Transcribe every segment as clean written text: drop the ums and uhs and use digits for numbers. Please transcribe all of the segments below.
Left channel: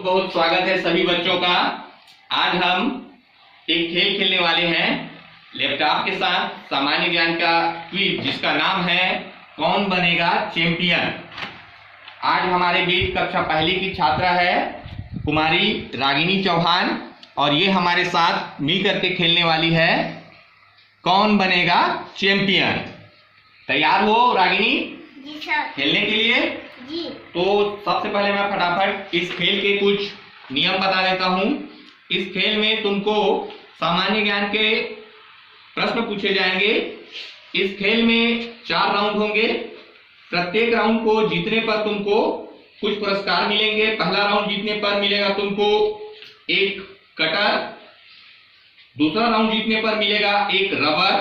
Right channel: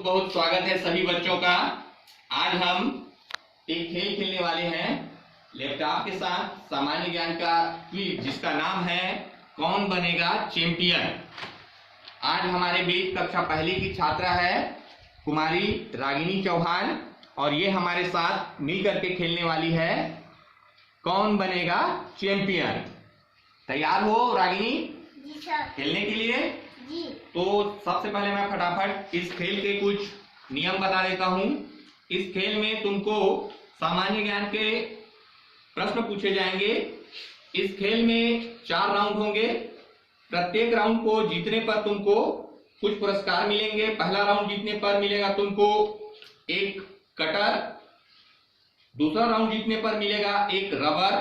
बहुत बहुत स्वागत है सभी बच्चों का। आज हम एक खेल खेलने वाले हैं लैपटॉप के साथ, सामान्य ज्ञान का क्विज जिसका नाम है कौन बनेगा चैंपियन। आज हमारे बीच कक्षा पहली की छात्रा है कुमारी रागिनी चौहान और ये हमारे साथ मिल करके खेलने वाली है कौन बनेगा चैंपियन। तैयार हो रागिनी? जी सर। खेलने के लिए? जी। तो सबसे पहले मैं फटाफट इस खेल के कुछ नियम बता देता हूं। इस खेल में तुमको सामान्य ज्ञान के प्रश्न पूछे जाएंगे। इस खेल में 4 राउंड होंगे। प्रत्येक राउंड को जीतने पर तुमको कुछ पुरस्कार मिलेंगे। पहला राउंड जीतने पर मिलेगा तुमको एक कटर, दूसरा राउंड जीतने पर मिलेगा एक रबर,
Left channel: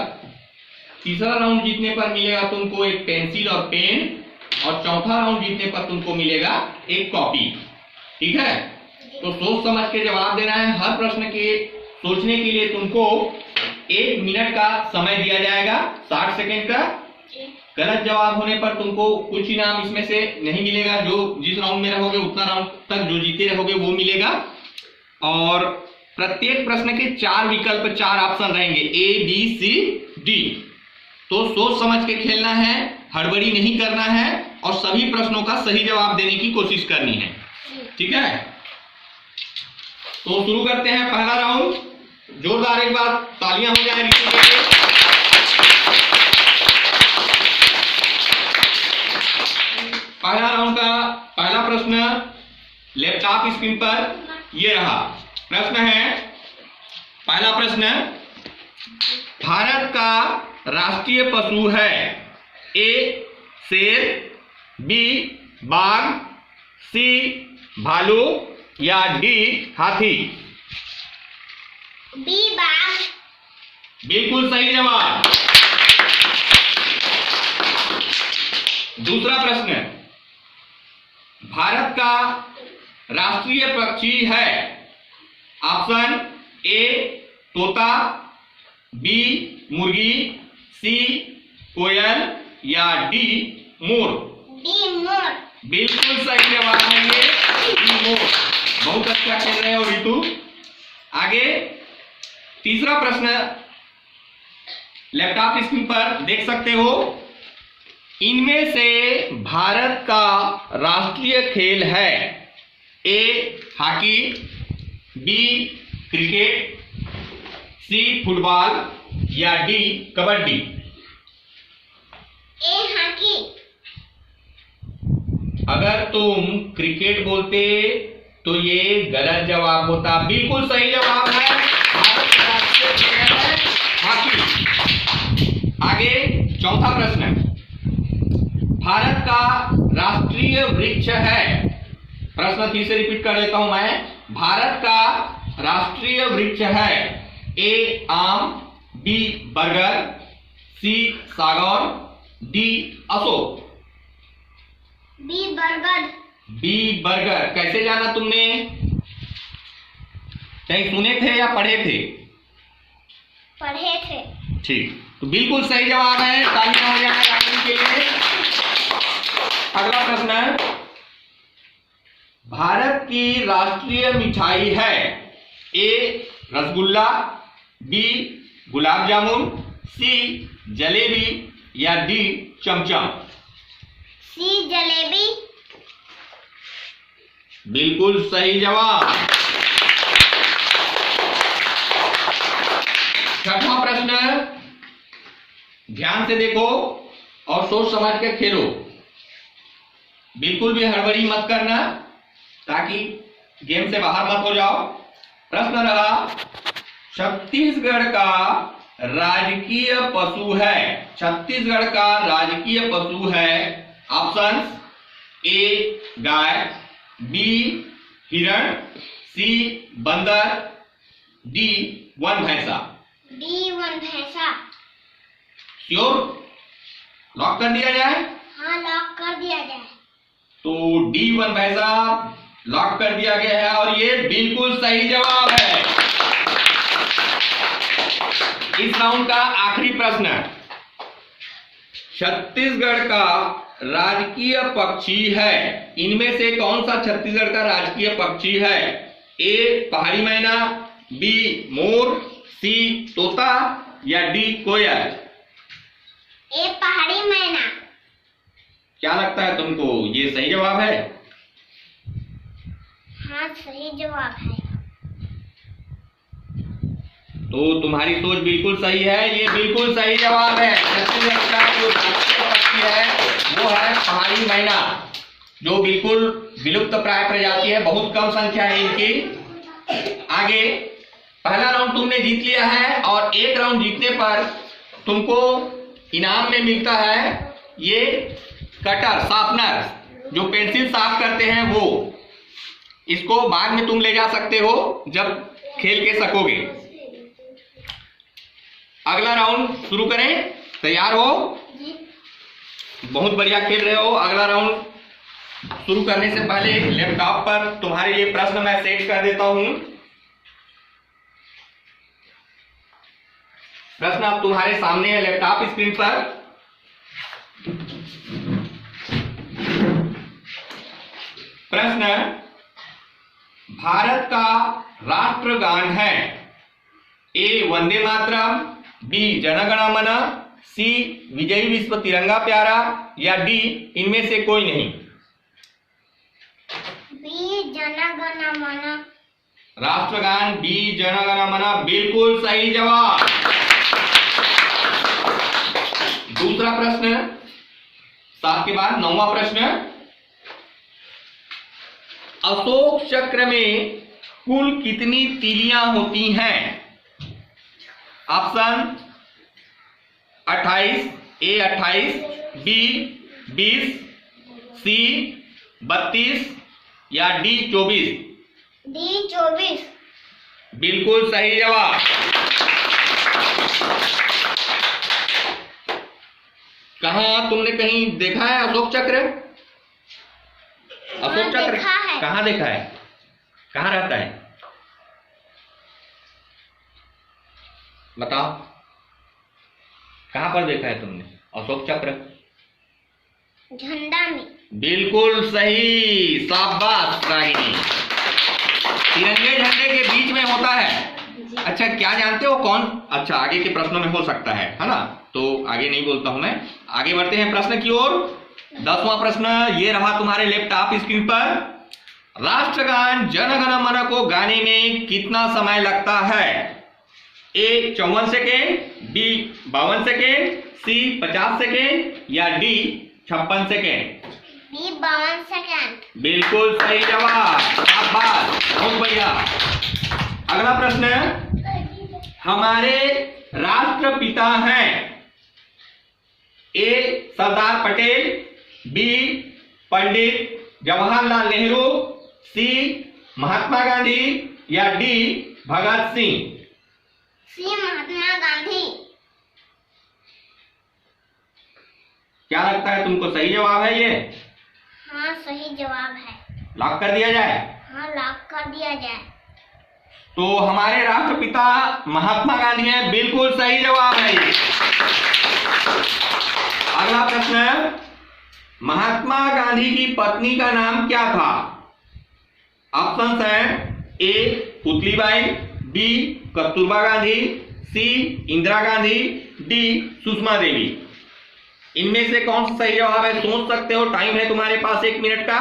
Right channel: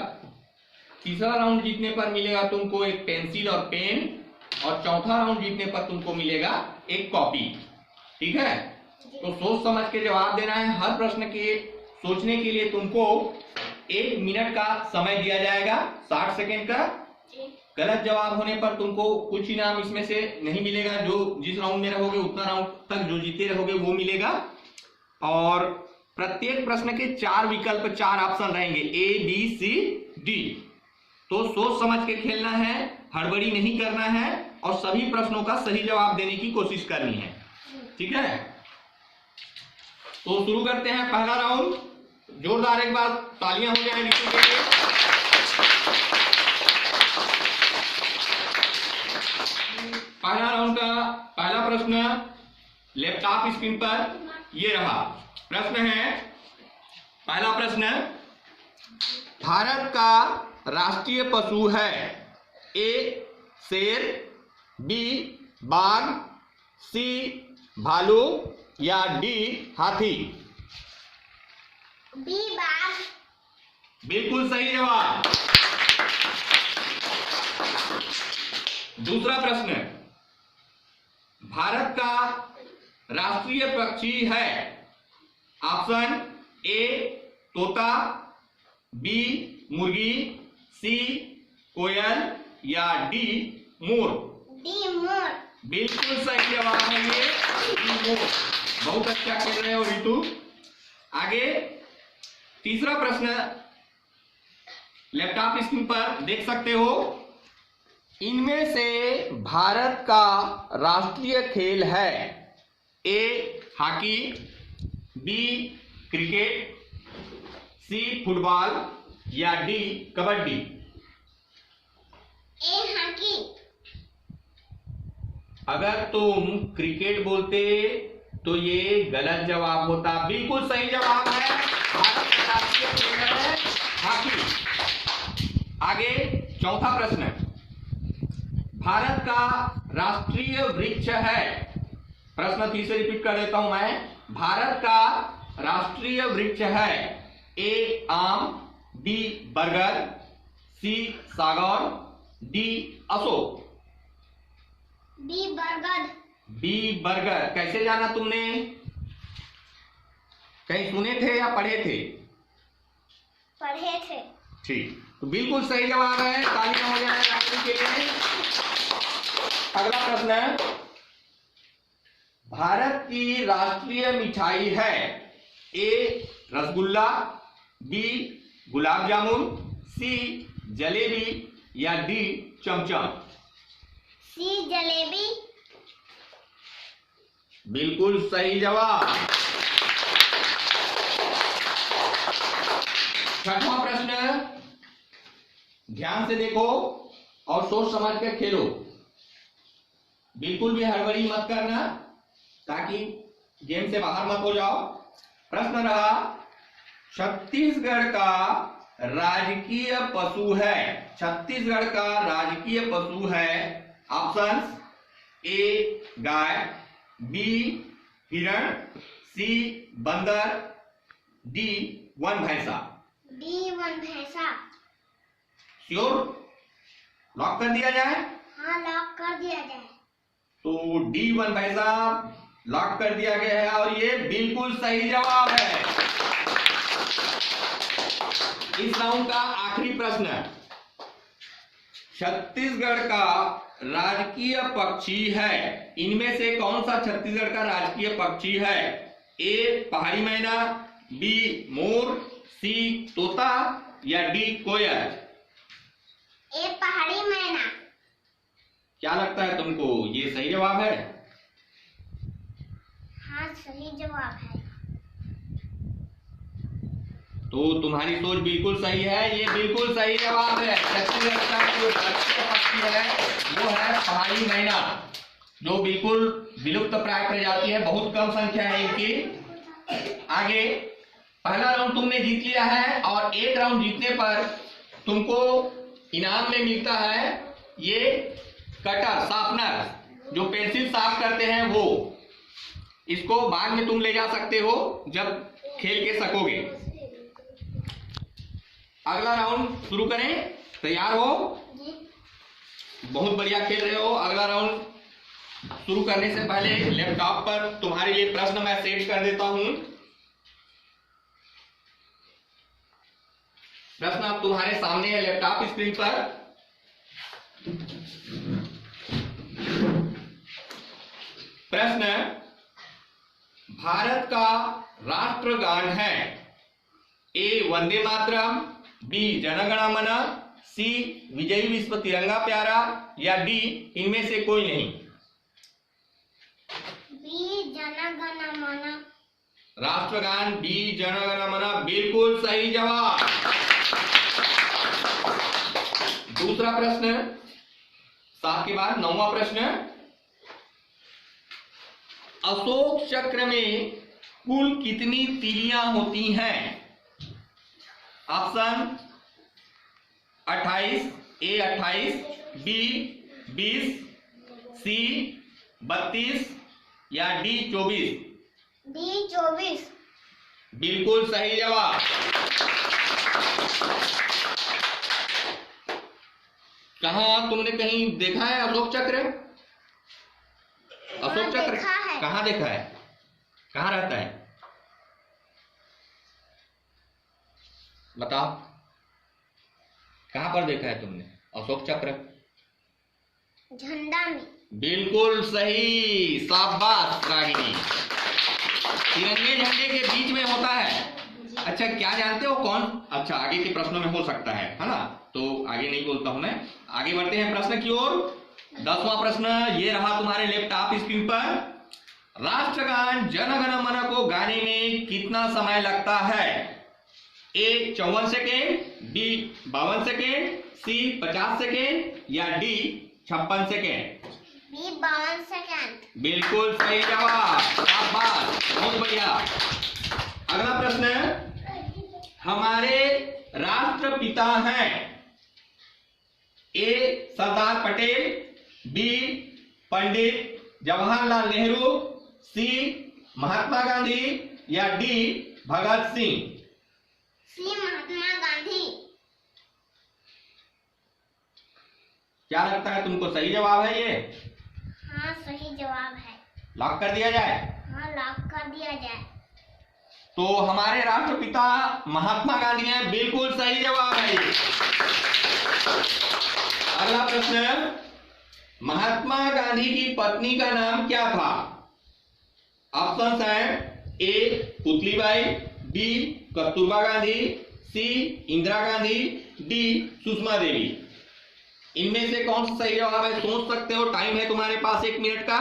तीसरा राउंड जीतने पर मिलेगा तुमको एक पेंसिल और पेन और चौथा राउंड जीतने पर तुमको मिलेगा एक कॉपी। ठीक है? तो सोच समझ के जवाब देना है। हर प्रश्न के सोचने के लिए तुमको 1 मिनट का समय दिया जाएगा, 60 सेकेंड का। गलत जवाब होने पर तुमको कुछ इनाम इसमें से नहीं मिलेगा। जो जिस राउंड में रहोगे उतना राउंड तक जो जीते रहोगे वो मिलेगा। और प्रत्येक प्रश्न के 4 विकल्प, 4 ऑप्शन रहेंगे, A, B, C, D। तो सोच समझ के खेलना है, हड़बड़ी नहीं करना है और सभी प्रश्नों का सही जवाब देने की कोशिश करनी है। ठीक है? तो शुरू करते हैं पहला राउंड। जोरदार एक बार तालियां हो जाए ऋतु के लिए। पहला राउंड का पहला प्रश्न लैपटॉप स्क्रीन पर ये रहा। प्रश्न है, पहला प्रश्न, भारत का राष्ट्रीय पशु है A शेर, B बाघ, C भालू या D हाथी? B बाघ। बिल्कुल सही जवाब। दूसरा प्रश्न, भारत का राष्ट्रीय पक्षी है ऑप्शन A तोता, B मुर्गी, C कोयल या D मोर? D मोर। बिल्कुल सही जवाब है ये D मोर। बहुत अच्छा खेल रहे हो ऋतु। आगे तीसरा प्रश्न लैपटॉप स्क्रीन पर देख सकते हो। इनमें से भारत का राष्ट्रीय खेल है A hockey, B cricket, C football या D कबड्डी? A hockey. अगर तुम क्रिकेट बोलते तो ये गलत जवाब होता। बिल्कुल सही जवाब है, भारत का राष्ट्रीय खेल है हॉकी। आगे चौथा प्रश्न, भारत का राष्ट्रीय वृक्ष है। प्रश्न फिर से रिपीट कर देता हूं मैं। भारत का राष्ट्रीय वृक्ष है A आम, B बरगद, C सागौन, D अशोक? B बरगद। B बरगद। कैसे जाना तुमने? कहीं सुने थे या पढ़े थे? पढ़े थे। ठीक, तो बिल्कुल सही जवाब है। तालियां हो जाए रागिनी के लिए। अगला प्रश्न, भारत की राष्ट्रीय मिठाई है A rasgulla, B gulab jamun, C jalebi या D चमचम? C जलेबी। बिल्कुल सही जवाब। छठवां प्रश्न, ध्यान से देखो और सोच समझ के खेलो। बिल्कुल भी हड़बड़ी मत करना ताकि गेम से बाहर मत हो जाओ। प्रश्न रहा, छत्तीसगढ़ का राजकीय पशु है। छत्तीसगढ़ का राजकीय पशु है ऑप्शन A गाय, B हिरण, C बंदर, D वन भैंसा? D वन भैंसा। श्योर? लॉक कर दिया जाए? हाँ, लॉक कर दिया जाए। तो D वन भैंसा लॉक कर दिया गया है और ये बिल्कुल सही जवाब है। इस राउंड का आखिरी प्रश्न, छत्तीसगढ़ का राजकीय पक्षी है? इनमें से कौन सा छत्तीसगढ़ का राजकीय पक्षी है? ए पहाड़ी मैना, बी मोर, सी तोता या डी कोयल? ए पहाड़ी मैना। क्या लगता है तुमको, ये सही जवाब है? हाँ सही जवाब है। तो तुम्हारी सोच बिल्कुल सही है, ये बिल्कुल सही जवाब है। छत्तीसगढ़ का जो राष्ट्रीय पक्षी है वो है पहाड़ी मैना, जो बिल्कुल विलुप्त प्राय प्रजाति है, बहुत कम संख्या है इनकी। आगे पहला राउंड तुमने जीत लिया है और एक राउंड जीतने पर तुमको इनाम में मिलता है ये कटर शार्पनर, जो पेंसिल साफ करते हैं वो। इसको बाद में तुम ले जा सकते हो जब खेल के सकोगे। अगला राउंड शुरू करें, तैयार हो? बहुत बढ़िया खेल रहे हो। अगला राउंड शुरू करने से पहले लैपटॉप पर तुम्हारे लिए प्रश्न मैं सेट कर देता हूं। प्रश्न अब तुम्हारे सामने है लैपटॉप स्क्रीन पर। प्रश्न, भारत का राष्ट्रगान है? ए वंदे मातरम, बी जनगण मन, सी विजयी विश्व तिरंगा प्यारा या डी इनमें से कोई नहीं? बी जनगण मन। राष्ट्रगान बी जनगण मन बिल्कुल सही जवाब। दूसरा प्रश्न, 7 के बाद 9वां प्रश्न, अशोक चक्र में कुल कितनी तीलियां होती हैं? ऑप्शन 28, ए 28, बी 20, सी 32 या डी 24? डी 24। बिल्कुल सही जवाब। कहाँ तुमने कहीं देखा है अशोक चक्र? अशोक चक्र देखा है। कहाँ देखा है? कहाँ रहता है? बताओ, कहाँ पर देखा है तुमने अशोक चक्र? झंडा में। बिल्कुल सही, शाबाश रागिनी। तिरंगे झंडे के बीच में होता है। अच्छा, क्या जानते हो कौन? अच्छा, आगे के प्रश्नों में हो सकता है ना, तो आगे नहीं बोलता हूं मैं। आगे बढ़ते हैं प्रश्न की ओर। 10वां प्रश्न ये रहा तुम्हारे लैपटॉप स्क्रीन पर। राष्ट्रगान जनगण मन को गाने में कितना समय लगता है? A 54 second, B 52 second, C 50 second या डी 56 सेकेंड? B 52 second. बिल्कुल सही जवाब, शाबाश, बहुत बढ़िया। अगला प्रश्न, हमारे राष्ट्रपिता हैं? ए सरदार पटेल, बी पंडित जवाहरलाल नेहरू, सी महात्मा गांधी या डी भगत सिंह? सी महात्मा गांधी। क्या लगता है तुमको, सही जवाब है ये? हाँ सही जवाब है। लॉक कर दिया जाए? हाँ लॉक कर दिया जाए। तो हमारे राष्ट्रपिता महात्मा गांधी हैं, बिल्कुल सही जवाब है ये। अगला प्रश्न, महात्मा गांधी की पत्नी का नाम क्या था? ऑप्शन है ए पुतलीबाई, बी कस्तूरबा गांधी, सी इंदिरा गांधी, डी सुषमा देवी? इनमें से कौन सा सही जवाब है? सोच सकते हो, टाइम है तुम्हारे पास 1 मिनट का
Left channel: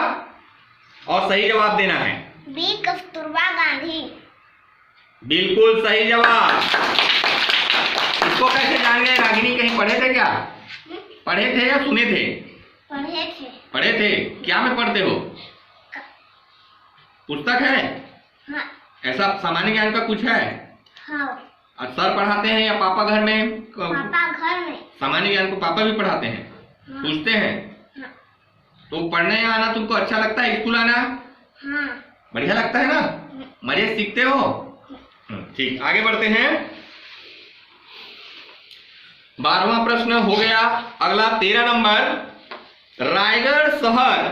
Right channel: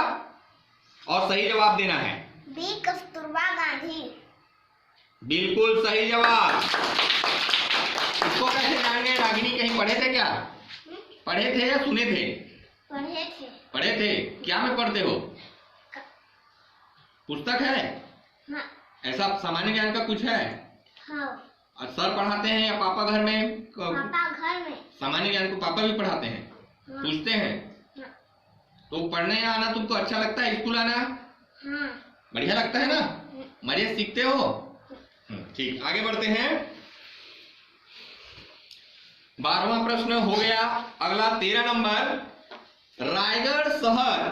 और सही जवाब देना है। बी कस्तूरबा गांधी। बिल्कुल सही जवाब। इसको कैसे जान गए? रागिनी कहीं पढ़े थे क्या? पढ़े थे या सुने थे? पढ़े थे। पढ़े थे? क्या में पढ़ते हो? पुस्तक है? हाँ। ऐसा सामान्य ज्ञान का कुछ है? हाँ। और सर पढ़ाते हैं या पापा घर में? पापा घर में। सामान्य ज्ञान को पापा भी पढ़ाते हैं? हाँ। पूछते हैं? हाँ। तो पढ़ने आना तुमको अच्छा लगता है? स्कूल आना हाँ। बढ़िया लगता है ना? मजे सीखते हो? ठीक, आगे बढ़ते हैं। 12वां प्रश्न हो गया। अगला 13 नंबर, रायगढ़ शहर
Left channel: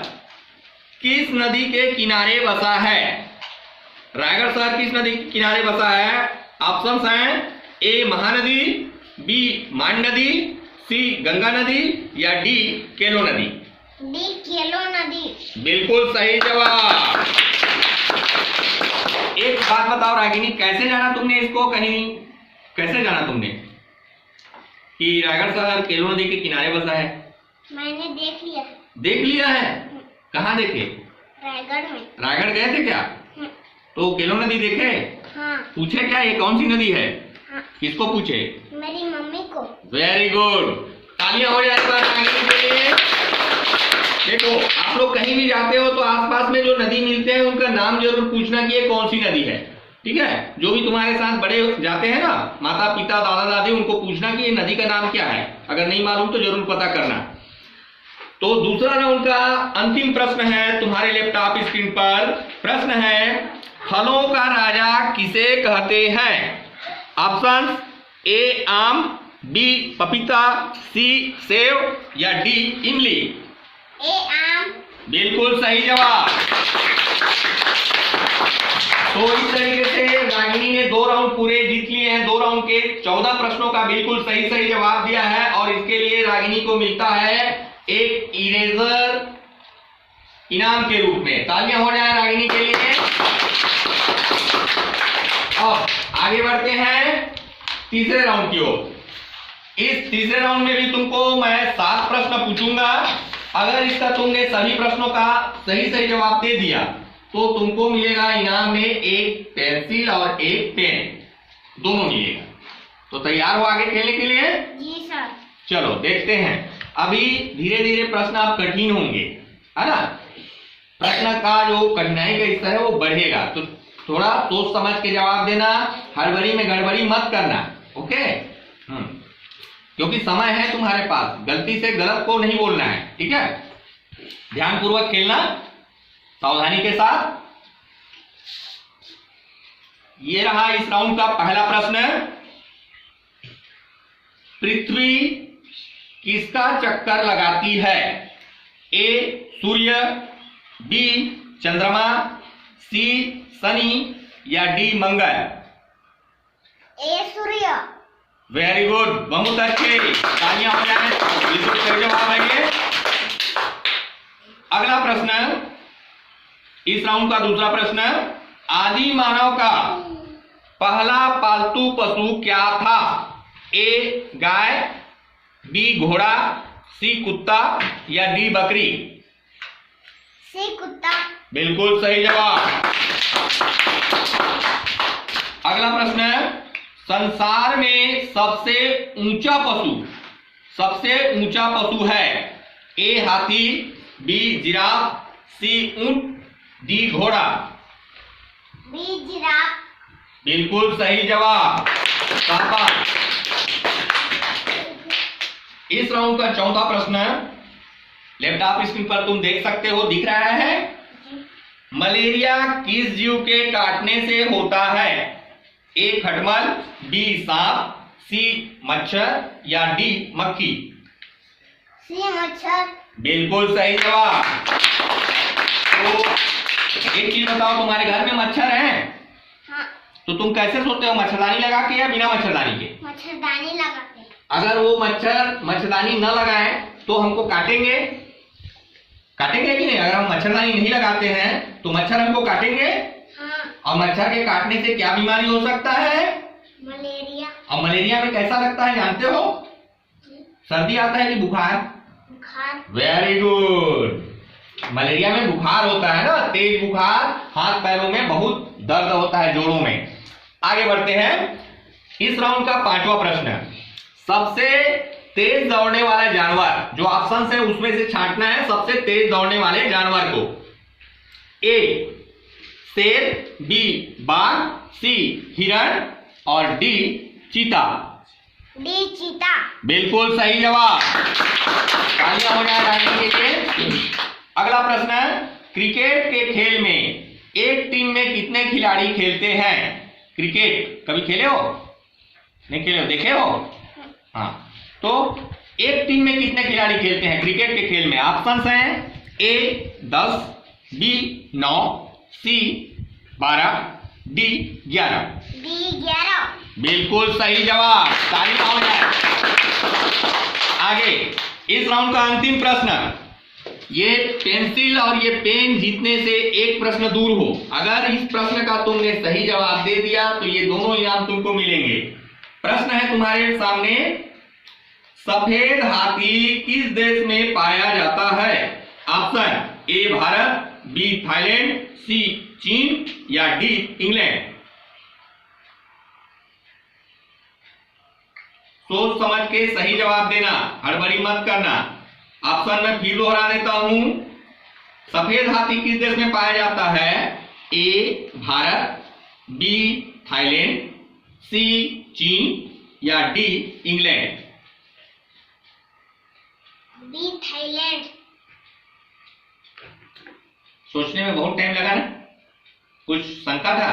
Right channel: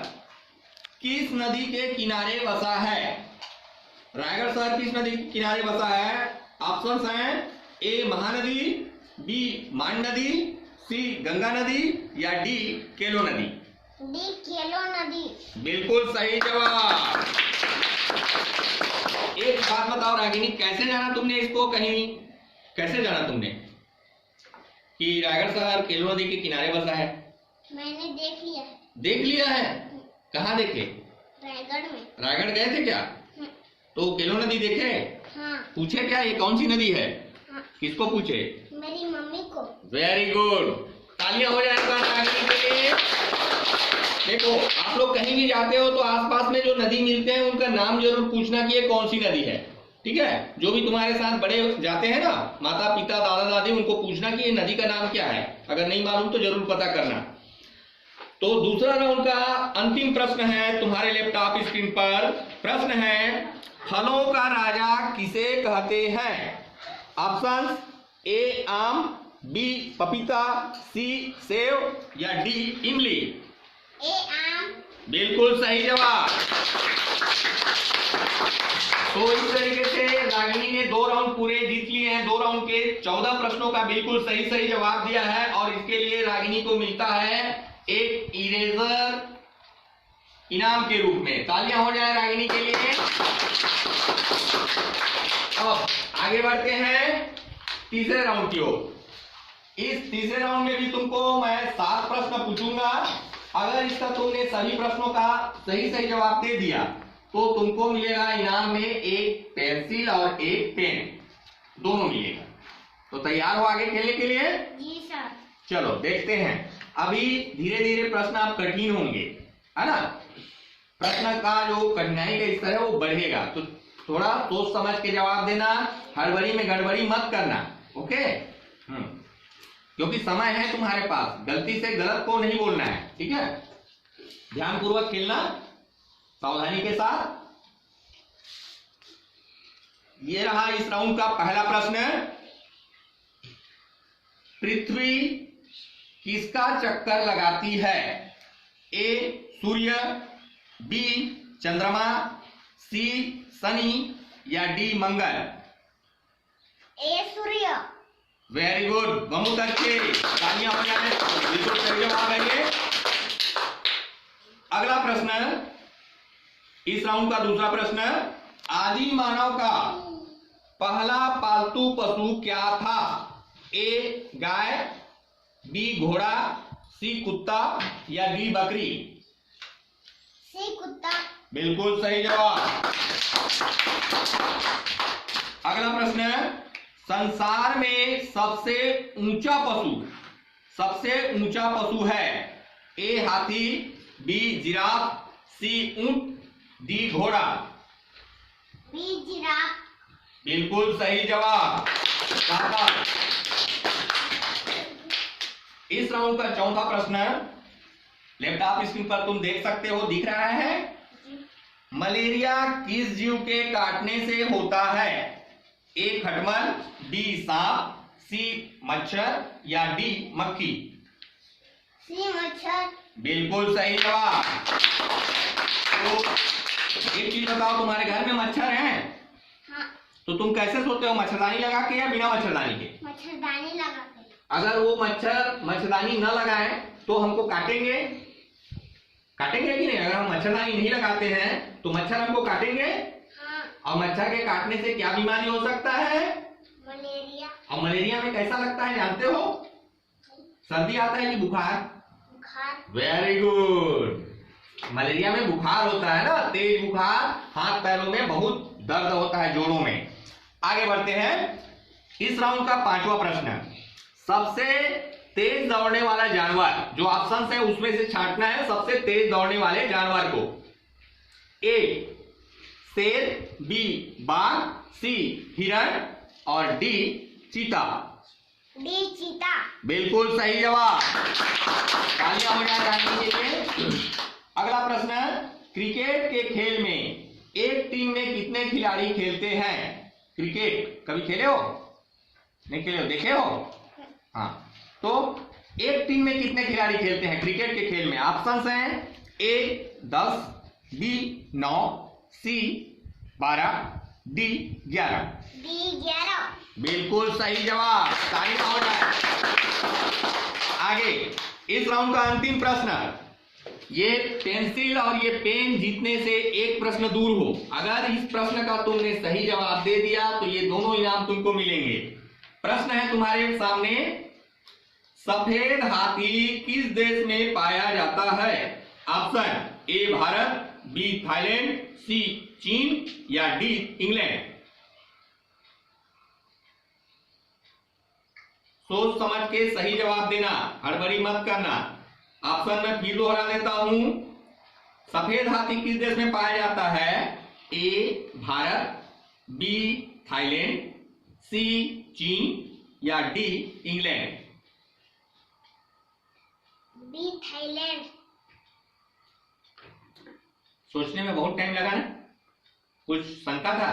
किस नदी के किनारे बसा है? रायगढ़ शहर किस नदी के किनारे बसा है? ऑप्शंस हैं ए महानदी, बी मान नदी, सी गंगा नदी या डी केलो नदी? डी केलो नदी। बिल्कुल सही जवाब। एक बात बताओ रागिनी, कैसे जाना तुमने इसको, कहीं कैसे जाना तुमने कि रायगढ़ शहर केलो नदी के किनारे बसा है? मैंने देख लिया। देख लिया है? कहाँ देखे? रायगढ़ में। रायगढ़ गए थे क्या? तो केलो नदी देखे? हाँ। पूछे क्या ये कौन सी नदी है? हाँ। किसको पूछे? मेरी मम्मी को। वेरी गुड, तालियां हो जाए रागिनी के लिए। देखो, आप लोग कहीं भी जाते हो तो आसपास में जो नदी मिलते हैं उनका नाम जरूर पूछना कि ये कौन सी नदी है। ठीक है, जो भी तुम्हारे साथ बड़े जाते हैं ना, माता पिता दादा दादी, उनको पूछना कि ये नदी का नाम क्या है। अगर नहीं मालूम तो जरूर पता करना। तो दूसरा राउंड का अंतिम प्रश्न है तुम्हारे लैपटॉप स्क्रीन पर। प्रश्न है, फलों का राजा किसे कहते हैं? ऑप्शन ए आम, बी पपीता, सी सेब या डी इमली। ए आम। बिल्कुल सही जवाब। तो इस तरीके से रागिनी ने 2 राउंड पूरे जीत लिए हैं। 2 राउंड के 14 प्रश्नों का बिल्कुल सही जवाब दिया है और इसके लिए रागिनी को मिलता है एक इरेजर इनाम के रूप में। तालियां हो जाए रागिनी के लिए। अब आगे बढ़ते हैं तीसरे राउंड की ओर। इस तीसरे राउंड में भी तुमको मैं 7 प्रश्न पूछूंगा। अगर इसका तुमने सभी प्रश्नों का सही जवाब दे दिया तो तुमको मिलेगा इनाम में एक पेंसिल और एक पेन, दोनों मिलेगा। तो तैयार हो आगे खेलने के लिए? जी सर। चलो देखते हैं। अभी धीरे धीरे प्रश्न आप कठिन होंगे, है ना? प्रश्न का जो कठिनाई का स्तर है वो बढ़ेगा, तो थोड़ा सोच समझ के जवाब देना, हड़बड़ी में गड़बड़ी मत करना। ओके? क्योंकि समय है तुम्हारे पास, गलती से गलत को नहीं बोलना है। ठीक है, ध्यानपूर्वक खेलना, सावधानी के साथ। ये रहा इस राउंड का पहला प्रश्न। पृथ्वी किसका चक्कर लगाती है? ए सूर्य, बी चंद्रमा, सी शनि या डी मंगल। ए सूर्य। वेरी गुड, बहुत अच्छे, तालियां हो जाए। बिल्कुल सही जवाब है ये। अगला प्रश्न, इस राउंड का दूसरा प्रश्न, आदि मानव का पहला पालतू पशु क्या था? ए गाय, बी घोड़ा, सी कुत्ता या डी बकरी। सी कुत्ता। बिल्कुल सही जवाब। अगला प्रश्न, संसार में सबसे ऊंचा पशु है? ए हाथी, बी जिराफ, सी ऊंट, डी घोड़ा। B giraffe. बिल्कुल सही जवाब। शाबाश। इस राउंड का चौथा प्रश्न, लैपटॉप स्क्रीन पर तुम देख सकते हो, दिख रहा है? मलेरिया किस जीव के काटने से होता है? ए खटमल, बी सांप, सी मच्छर या डी मक्खी। सी मच्छर। बिल्कुल सही जवाब। तो एक चीज बताओ, तुम्हारे घर में मच्छर हैं? हाँ। तो तुम कैसे सोते हो, मच्छरदानी लगा के या बिना मच्छरदानी के? मच्छरदानी लगा के। अगर वो मच्छरदानी न लगाए तो हमको काटेंगे कि नहीं? अगर हम मच्छरदानी नहीं लगाते हैं तो मच्छर हमको काटेंगे। हाँ। और मच्छर के काटने से क्या बीमारी हो सकता है? मलेरिया। और मलेरिया में कैसा लगता है जानते हो? सर्दी आता है कि बुखार? बुखार। Very good. मलेरिया में बुखार होता है ना, तेज बुखार, हाथ पैरों में बहुत दर्द होता है, जोड़ों में। आगे बढ़ते हैं। इस राउंड का पांचवा प्रश्न, सबसे तेज दौड़ने वाला जानवर, जो ऑप्शन है उसमें से छांटना है सबसे तेज दौड़ने वाले जानवर को। ए शेर, बी बाघ, सी हिरण और डी चीता। डी चीता। बिल्कुल सही जवाब। तालियां हो जाए रानी के लिए। अगला प्रश्न, क्रिकेट के खेल में एक टीम में कितने खिलाड़ी खेलते हैं? क्रिकेट कभी खेले हो? नहीं खेले हो, देखे हो? हाँ, तो एक टीम में कितने खिलाड़ी खेलते हैं क्रिकेट के खेल में? ऑप्शंस हैं ए 10, बी 9, सी 12, डी 11। डी 11। बिल्कुल सही जवाब। तालियां हो जाए। आगे इस राउंड का अंतिम प्रश्न, ये पेंसिल और ये पेन जीतने से एक प्रश्न दूर हो। अगर इस प्रश्न का तुमने सही जवाब दे दिया तो ये दोनों इनाम तुमको मिलेंगे। प्रश्न है तुम्हारे सामने, सफेद हाथी किस देश में पाया जाता है? Option A Bharat, B Thailand, C चीन या डी इंग्लैंड। सोच समझ के सही जवाब देना, हड़बड़ी मत करना। ऑप्शन में फिर दोहरा देता हूं, सफेद हाथी किस देश में पाया जाता है? ए भारत, बी थाईलैंड, सी चीन या डी इंग्लैंड। B Thailand. सोचने में बहुत टाइम लगा ना, कुछ शंका था?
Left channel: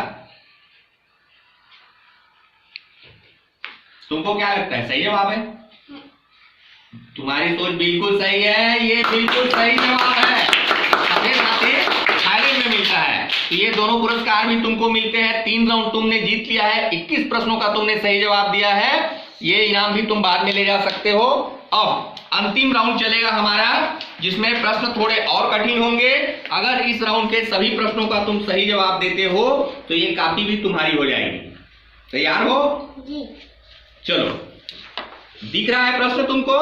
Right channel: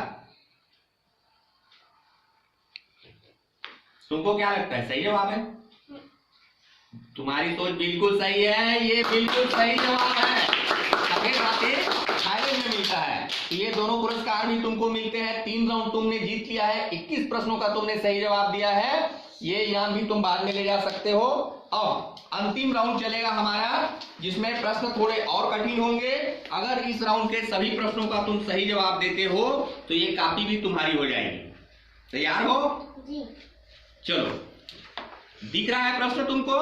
तुमको क्या लगता है सही जवाब है? तुम्हारी सोच बिल्कुल सही है, ये बिल्कुल सही जवाब है। सफेद हाथी थाईलैंड में मिलता है। तो ये दोनों पुरस्कार भी तुमको मिलते हैं। 3 राउंड तुमने जीत लिया है, 21 प्रश्नों का तुमने सही जवाब दिया है। ये इनाम भी तुम बाद में ले जा सकते हो। अब अंतिम राउंड चलेगा हमारा, जिसमें प्रश्न थोड़े और कठिन होंगे। अगर इस राउंड के सभी प्रश्नों का तुम सही जवाब देते हो तो ये कॉपी भी तुम्हारी हो जाएगी। तैयार हो? जी। चलो, दिख रहा है प्रश्न तुमको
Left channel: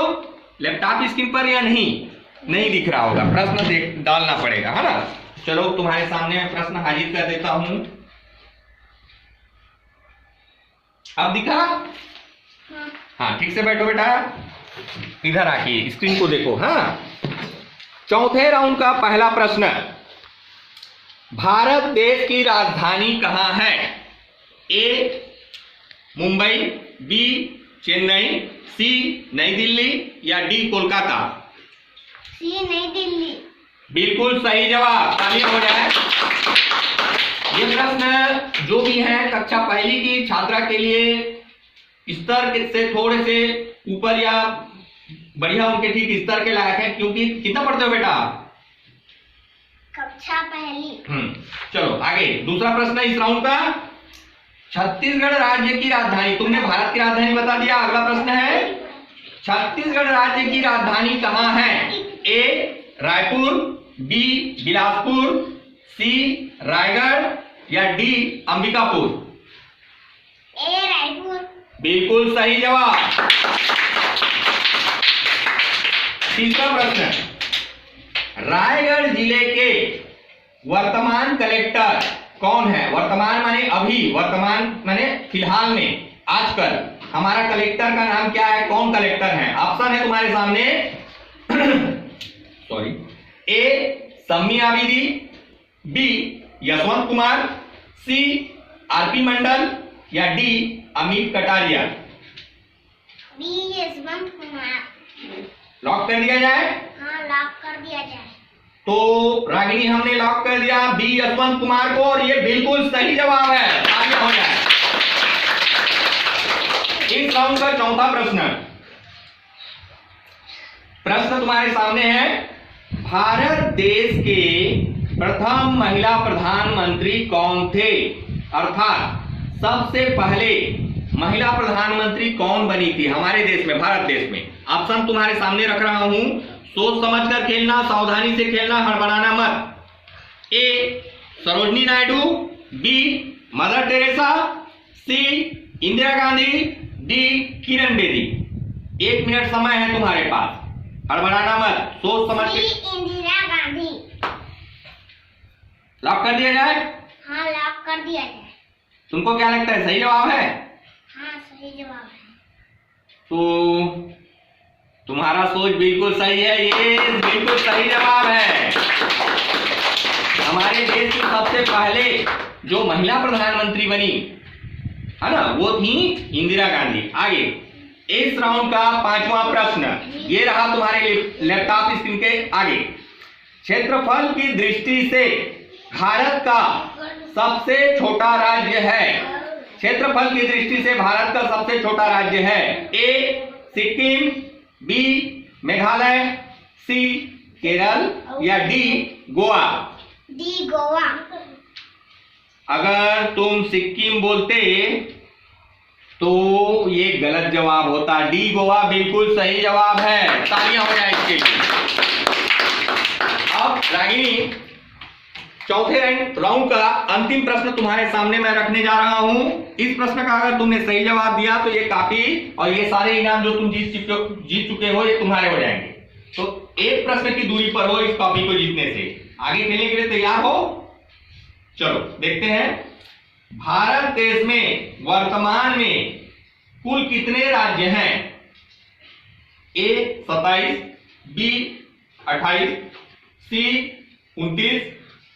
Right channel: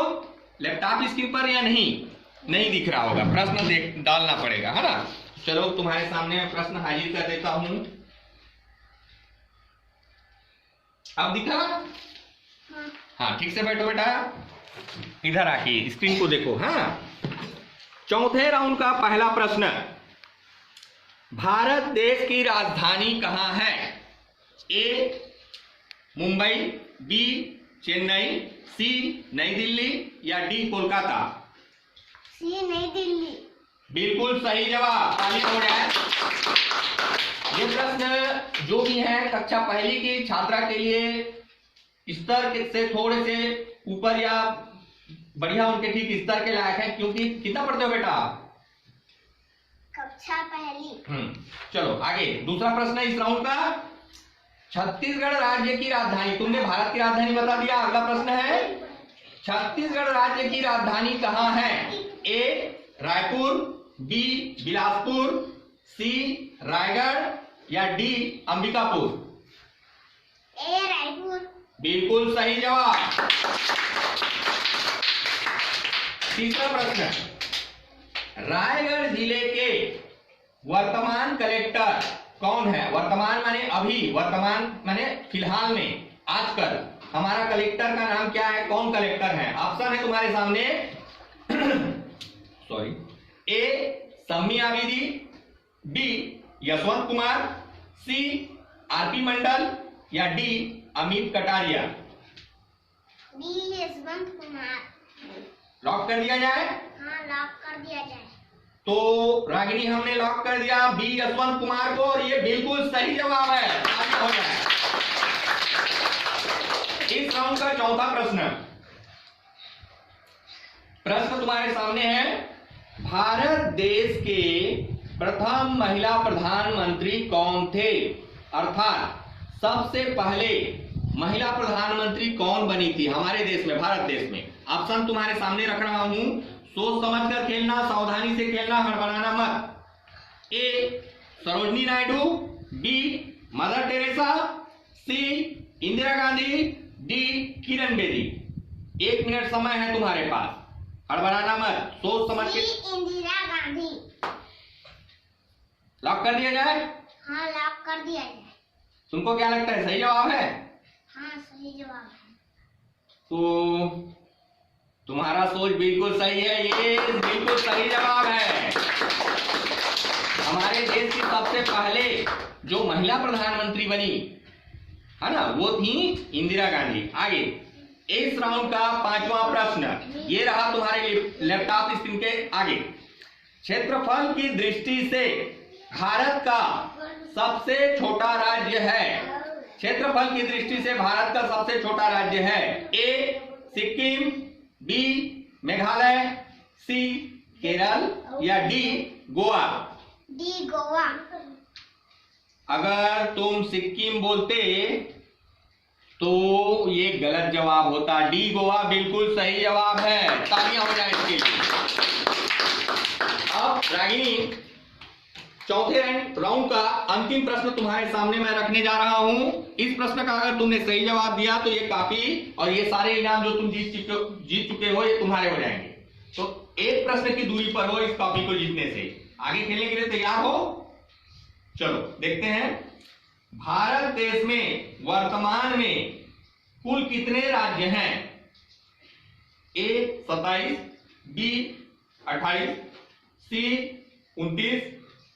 लैपटॉप स्क्रीन पर या नहीं? नहीं दिख रहा होगा, प्रश्न देख डालना पड़ेगा, है ना? चलो तुम्हारे सामने मैं प्रश्न हाजिर कर देता हूं। अब दिखा? हाँ, ठीक से बैठो बेटा, इधर आके स्क्रीन को देखो। हाँ, चौथे राउंड का पहला प्रश्न, भारत देश की राजधानी कहां है? ए मुंबई, बी चेन्नई, सी नई दिल्ली या डी कोलकाता। सी नई दिल्ली। बिल्कुल सही जवाब, तालियां हो जाए। ये प्रश्न जो भी है कक्षा पहली की छात्रा के लिए स्तर से थोड़े से ऊपर या बढ़िया उनके ठीक स्तर के लायक है, क्योंकि कितना पढ़ते हो बेटा? कक्षा पहली। चलो आगे, दूसरा प्रश्न इस राउंड का, छत्तीसगढ़ राज्य की राजधानी, तुमने भारत की राजधानी बता दिया। अगला प्रश्न है, छत्तीसगढ़ राज्य की राजधानी कहां है? ए रायपुर, बी बिलासपुर, सी रायगढ़ या डी अंबिकापुर। ए रायपुर। बिल्कुल सही जवाब। तीसरा प्रश्न, रायगढ़ जिले के वर्तमान कलेक्टर कौन है? वर्तमान माने अभी, वर्तमान माने फिलहाल में, आजकल हमारा कलेक्टर का नाम क्या है? कौन कलेक्टर है? ऑप्शन है तुम्हारे सामने sorry, A Sammi Abidi, B Yashwant Kumar, C RP Mandal या D Amit Kataria. B Yashwant Kumar. Lock कर दिया जाए? हाँ, लॉक कर दिया जाए। तो रागिनी हमने लॉक कर दिया बी यशवंत कुमार को, और ये बिल्कुल सही जवाब है। आगे हो जाए। इस राउंड का चौथा प्रश्न, प्रश्न तुम्हारे सामने है, भारत देश के प्रथम महिला प्रधानमंत्री कौन थे? अर्थात सबसे पहले महिला प्रधानमंत्री कौन बनी थी हमारे देश में, भारत देश में? ऑप्शन तुम्हारे सामने रख रहा हूं, सोच समझकर खेलना, सावधानी से खेलना, हड़बड़ाना मत। A Sarojini Naidu, B Mother Teresa, C Indira Gandhi, D Kiran Bedi. 1 minute समय है तुम्हारे पास, हड़बड़ाना मत, सोच समझ के। इंदिरा गांधी। लॉक कर दिया जाए? हाँ, लॉक कर दिया जाए। तुमको क्या लगता है सही जवाब है? हाँ, सही जवाब है। तो तुम्हारा सोच बिल्कुल सही है, ये बिल्कुल सही जवाब है। हमारे देश की सबसे पहले जो महिला प्रधानमंत्री बनी है ना, वो थी इंदिरा गांधी। आगे इस राउंड का पांचवा प्रश्न, ये रहा तुम्हारे लैपटॉप स्क्रीन के आगे। क्षेत्रफल की दृष्टि से भारत का सबसे छोटा राज्य है, क्षेत्रफल की दृष्टि से भारत का सबसे छोटा राज्य है? ए सिक्किम, बी मेघालय, सी केरल या डी गोवा। डी गोवा। अगर तुम सिक्किम बोलते तो ये गलत जवाब होता, डी गोवा बिल्कुल सही जवाब है। तालियां हो जाए इसके लिए। रागिनी, चौथे राउंड का अंतिम प्रश्न तुम्हारे सामने मैं रखने जा रहा हूं। इस प्रश्न का अगर तुमने सही जवाब दिया तो ये काफी और ये सारे इनाम जो तुम जीत चुके हो ये तुम्हारे हो जाएंगे। तो एक प्रश्न की दूरी पर हो इस कॉपी को जीतने से। आगे खेलने के लिए तैयार हो? चलो देखते हैं। भारत देश में वर्तमान में कुल कितने राज्य हैं? ए 27, बी 28, सी 29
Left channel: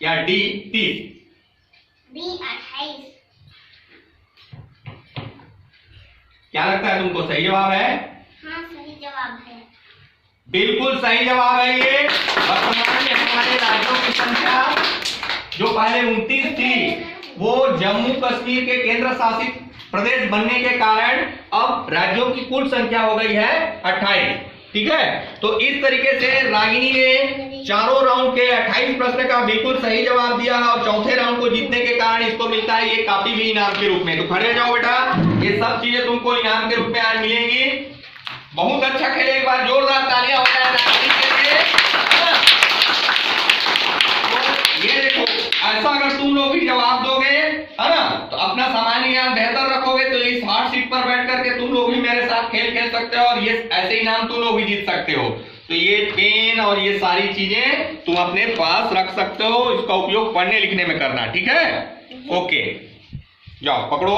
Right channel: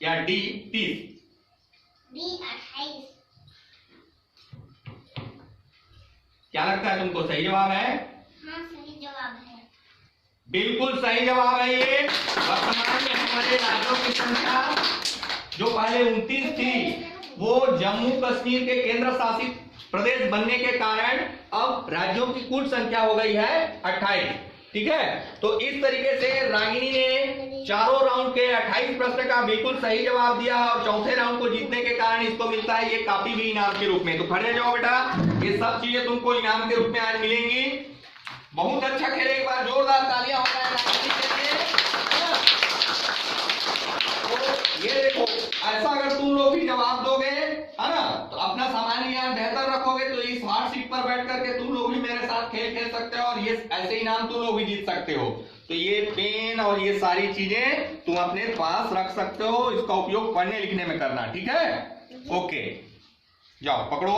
या डी 30? बी 28। क्या लगता है तुमको, सही जवाब है? हाँ सही जवाब है। बिल्कुल सही जवाब है ये। वर्तमान में हमारे राज्यों की संख्या जो पहले 29 थी वो जम्मू कश्मीर के केंद्र शासित प्रदेश बनने के कारण अब राज्यों की कुल संख्या हो गई है 28। ठीक है, तो इस तरीके से रागिनी ने चारों राउंड के 28 प्रश्न का बिल्कुल सही जवाब दिया है और चौथे राउंड को जीतने के कारण इसको मिलता है ये कॉपी भी इनाम के रूप में। तो खड़े जाओ बेटा, ये सब चीजें तुमको इनाम के रूप में आज मिलेंगी। बहुत अच्छा खेले, एक बार जोरदार तालियां हो जाए रागिनी के लिए। तो ये देखो, ऐसा अगर तुम लोग भी जवाब दोगे है ना, तो अपना सामान्य ज्ञान बेहतर रखोगे तो इस हॉट सीट पर बैठ करके तुम लोग भी मेरे साथ खेल सकते हो और ये ऐसे इनाम तुम लोग भी जीत सकते हो। तो ये पेन और ये सारी चीजें तुम अपने पास रख सकते हो, इसका उपयोग पढ़ने लिखने में करना। ठीक है, ओके, जाओ पकड़ो।